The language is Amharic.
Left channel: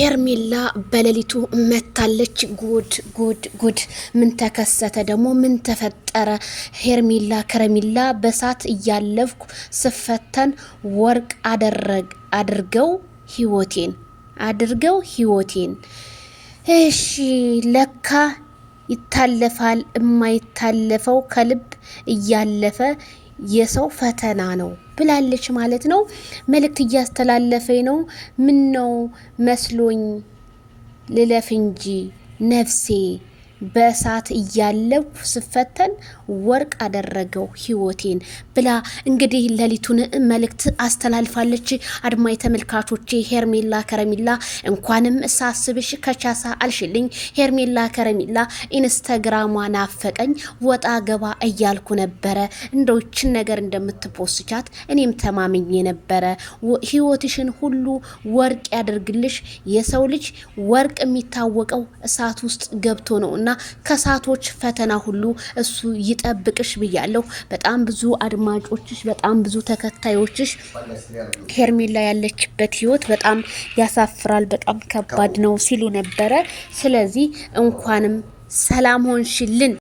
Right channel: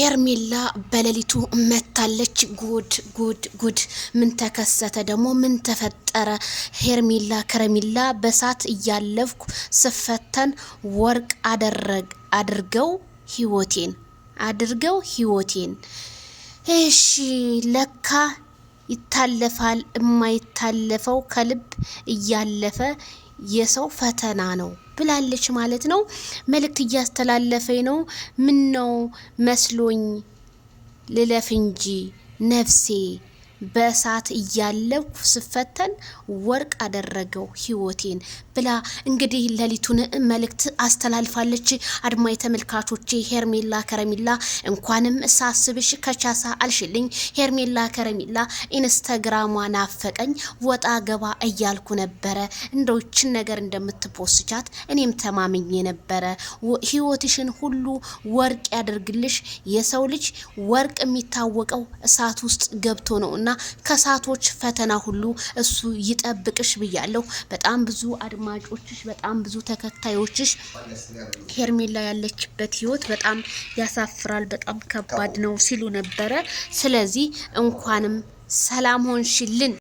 ሄርሜላ በሌሊቱ መታለች። ጉድ ጉድ ጉድ! ምን ተከሰተ ደግሞ? ምን ተፈጠረ? ሄርሜላ ከረሜላ በሳት እያለፍኩ ስፈተን ወርቅ አድርገው ህይወቴን። እሺ ለካ ይታለፋል። የማይታለፈው ከልብ እያለፈ የሰው ፈተና ነው ብላለች ማለት ነው። መልእክት እያስተላለፈኝ ነው። ምን ነው መስሎኝ ልለፍ እንጂ ነፍሴ በእሳት እያለፍኩ ስፈተን ወርቅ አደረገው ህይወቴን ብላ እንግዲህ ሌሊቱን መልእክት አስተላልፋለች። አድማጭ ተመልካቾቼ ሄርሜላ ከረሜላ እንኳንም ሳስብሽ ከቻሳ አልሽልኝ። ሄርሜላ ከረሜላ ኢንስታግራሟ ናፈቀኝ፣ ወጣ ገባ እያልኩ ነበረ። እንደውችን ነገር እንደምትፖስቻት እኔም ተማምኜ ነበረ። ህይወትሽን ሁሉ ወርቅ ያደርግልሽ። የሰው ልጅ ወርቅ የሚታወቀው እሳት ውስጥ ገብቶ ነውና ከሳቶች ፈተና ሁሉ እሱ ይጠብቅሽ ብያለሁ። በጣም ብዙ አድማጮችሽ፣ በጣም ብዙ ተከታዮችሽ ሄርሜላ ያለችበት ህይወት በጣም ያሳፍራል፣ በጣም ከባድ ነው ሲሉ ነበረ። ስለዚህ እንኳንም ሰላም ሆንሽልን።